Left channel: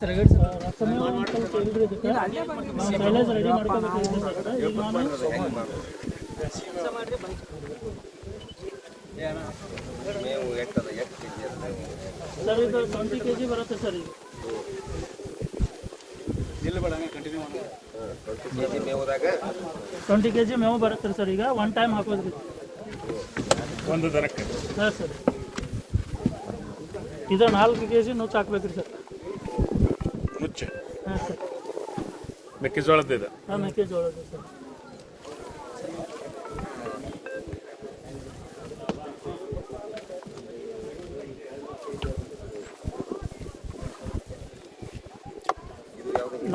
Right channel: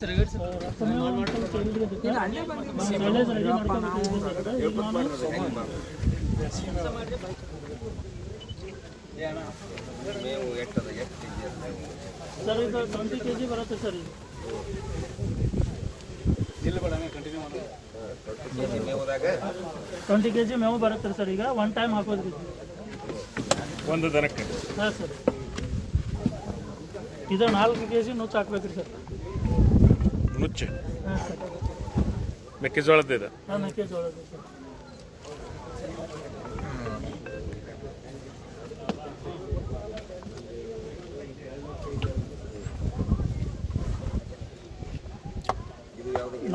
Ready ಮಾಡ್ಕೋಬೇಕು sir. ಇದು 20 kg ಬರುತ್ತೆ ಸರ್. ಈಗ 20 kg ಮೇವು ಬರುತ್ತೆ ಸರ್. ಈಗ ಒನ್ ಟೈಮ್ ಹಾಕೋದ್ರಿ ಒಂದು ದನಕ್ಕೆ. ಹಾಂ ಸರ್. ಇದು 4 kg ನುಚ್ಚು ಹಾಕ್ಬೇಕ್ರಿ ಸರ್. ನುಚ್ಚು? ಹಾಂ ಸರ್. ಮೆಕ್ಕೆಜೋಳದ್ದು ಇದೆ? ಹಾಂ, ಮೆಕ್ಕೆಜೋಳದ್ದು ಸರ್.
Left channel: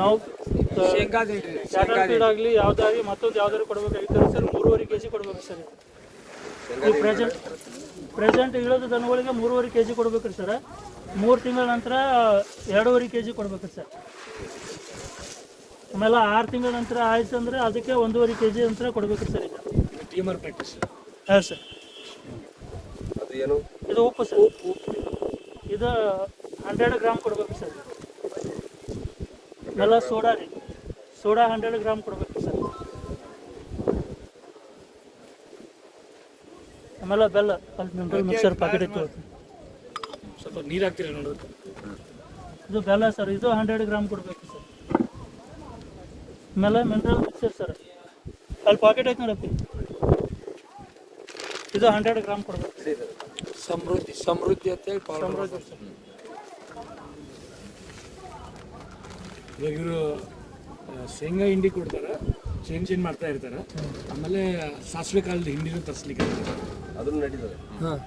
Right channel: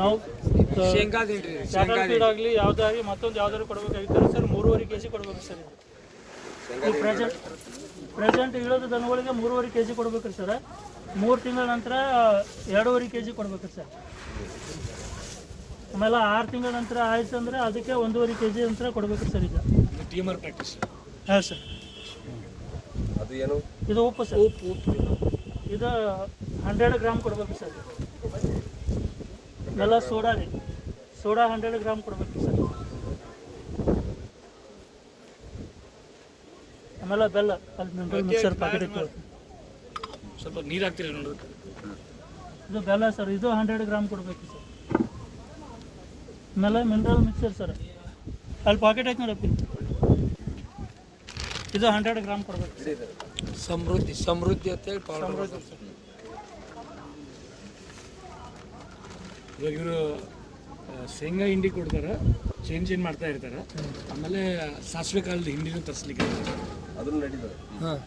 ನಾವು ಶೇಂಗಾ ಫೀಡ್ ಆಗಲಿ ಯಾವುದಾಗಲಿ ಮತ್ತೊಂದು ಯಾವ್ದಾದ್ರು ಕೊಡ್ಬೇಕಾಗಿತ್ತು ಸರ್. 3.5 kg ಕೊಡ್ಬೇಕು ಸರ್. ಈ ಪ್ರೆಸೆಂಟ್ ಇಳೋದು ದನಗಳಿಗೆ 3.5 kg ಕೊಡ್ಬೇಕ್ರಿ ಸರ್. 3 ತಿಂಗಳ ನಂತರ 2.5 kg ಕೊಡ್ಬೇಕ್ರಿ ಸರ್. ಆಮೇಲೆ 6 ತಿಂಗಳ ನಂತರ ಆಯ್ತು ಅಂದರೆ ಅದಕ್ಕೆ 1.5 kg ನಂತರ ಕೊಡ್ಬೇಕ್ರಿ ಸರ್. ಇದು ಟೀಮರ್ ಪ್ಯಾಕೆಟ್ಸ್? ಹಾಂ ಸರ್. ಇದು ಉಪ್ಪು ಸರ್. ಉಪ್ಪು ಇದು 100 ಗ್ರಾಮ್ ಕೊಡ್ಬೇಕು ಸರ್. ಎಲ್ಲ ಸೋಡಾ ರೀ. ಸೋಡಾ 100 ಗ್ರಾಮ್ ಕೊಡ್ಬೇಕು ಸರ್. ಆಮೇಲೆ ಬೆಲ್ಲ ಅಲ್ಲಿ ಮಿಕ್ಸರ್ ಪ್ಯಾಕೆಟ್ ಇತ್ತು, ಸ್ವಲ್ಪ ನೀರು ಹಾಕ್ತೀರ ನೋಡ್ರಿ. ಇದು ಬೆಲ್ಲ ಸರ್. ಇದು 100 ಗ್ರಾಮ್ ಕೊಡಬೇಕು ಸರ್. ಆಮೇಲೆ ಮಿನರಲ್ ಮಿಕ್ಸರ್ ಸರ್. ಅಲ್ಲಿ ಪ್ಯಾಕೆಟ್ ಐತೆ ನೋಡಪ್ಪ. ಇದು 100 ಗ್ರಾಮ್ ಕೊಡ್ಬೇಕು. ಸಮೃದ್ಧಿ ಅಂತೇಳಿ ಸಮೃದ್ಧಿ ಸರ್. ಇವಾಗ ಇವರು ಶೇಂಗಾ ಹಿಂಡಿ ಕೊಡ್ತಾರೆ, ಚೇಂಜ್ ಮಾಡ್ತಾ ಇರ್ತಾರೆ. ಆಮೇಲೆ ಸಾಸಿವೆ ಕಾಲದ ಹಿಂಡಿನೂ ತರಿಸ್ಲಿಕ್ಕೆ ಅದನ್ನು ನಡೀತದೆ. ಹಾಂ,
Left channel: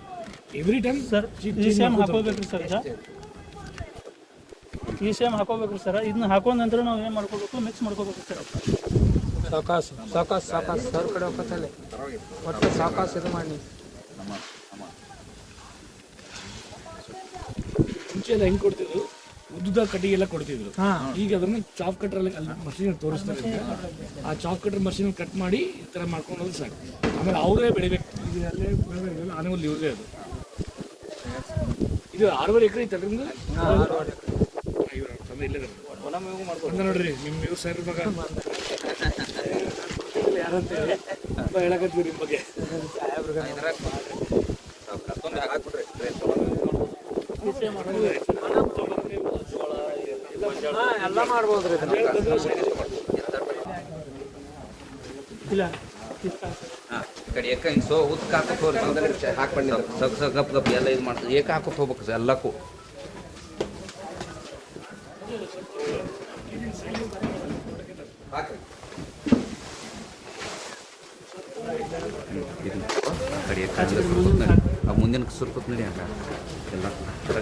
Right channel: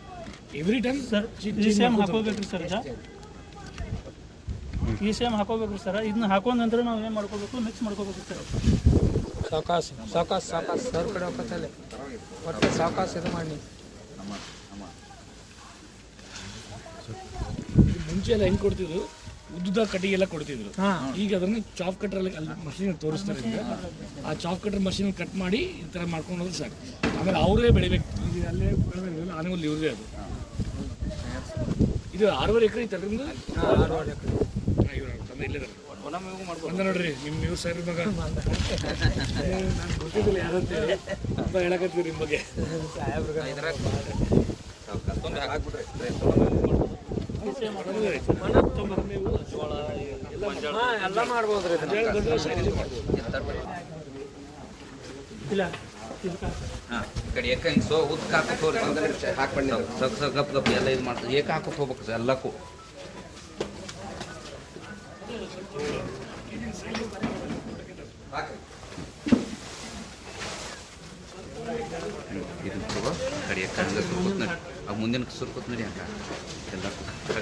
ಎವ್ರಿ ಟೈಮ್ ಸರ್. ಈ ಸೇಮ್ ಹಾಕೋಬೇಕ್ರಿ ಸರ್. ಈ ಸೇಮ್ ಹಾಕೋಬೇಕ್ರಿ ಸರ್. ಇದನ್ನ ಹಾಕೊಂಡ ನಂತರ ನಾವು ಏನು ಮಾಡ್ಕೋಬೇಕು, ಮಿಕ್ಸ್ ಮಾಡ್ಕೋಬೇಕು ಸರ್. ಸಾಕಾಸು ಸರ್ ಕಡೆ ಹೋಗ್ತದೆ ಮತ್ತೆ ಸಾಕಾಸು ಇದು ಮಾಡಿ. ಮುಂಚೆ ಎಲ್ಲ ಹೆಂಗೆ ಕೊಡ್ತಿದ್ರು, ಉದ್ದ ಕಟ್ಟಿಗೆ ಎಲ್ಲ ಕೊಡ್ತಿದ್ರು. ಈಗ ಅದನ್ನು ಚಾಪ್ ಕಟ್ರಲ್ಲಿ ಅಲ್ಲಿ ಮಷೀನ್ ತೋರಿಸ್ತಾರೆ. ಆ ಚಾಪ್ ಕಟ್ರ್ ಮಷೀನ್ ಕಟ್ ಮಾಡಿ ಈ ಥರ ಮಾಡ್ಕೊಂಡ್ರೆ ಸಾಕು. ಆಮೇಲೆ ಅವರೇ ಬೆಳಿಬೇಕು. ಇದು ಅಲ್ಲೇ ಆನವಲ್ಲಿ ಇವ್ರದೇ ಅದು. ಇದು 6.5 ಎಕರೆ ಐತೆ ಅದರಿಂದ ಇಲ್ಲದ ನೋಡ್ರಿ. ನಿಮ್ಮ ಇವ್ರು ಸರ್ ಮಗ ಯಾರಂತೇಳಿ ಅಂತ ಹೇಳಕತ್ತೀವಿ ನಿಮ್ಮ ಬಗ್ಗೆ. ಎಲ್ಲ ಮಾಡ್ಬೋದ್ರಿ. ಇಲ್ಲ ಕಡೆ ಯಾಕೆ ಹಿಂಗೆ ಉದ್ಕ ಹಾಕಕ್ಕೆ ಹೋಗ್ರೆ ಹಾಕೊಂಡಿಲ್ಲ. ಗಪ್ ಗಪ್ ಎಲ್ಲ ಇದು ಮಾಡ್ತಾರೆ. ಏಕ ಹಾಕಕ್ಕೆ ಹೋಗ್ಬೇಕು ಸರ್ ಎಲ್ಲಕ್ಕೂ. ಇದನ್ನ ಕಡೆ ಯಾಕೆ ಸುರ್ಕುತ್ ನಡಿ. ಆ ಮುಂದಿನ ಸುರ್ಕುತ್ ನಡಿ ಅಂತ ಎಲ್ಲ ಕಡೆ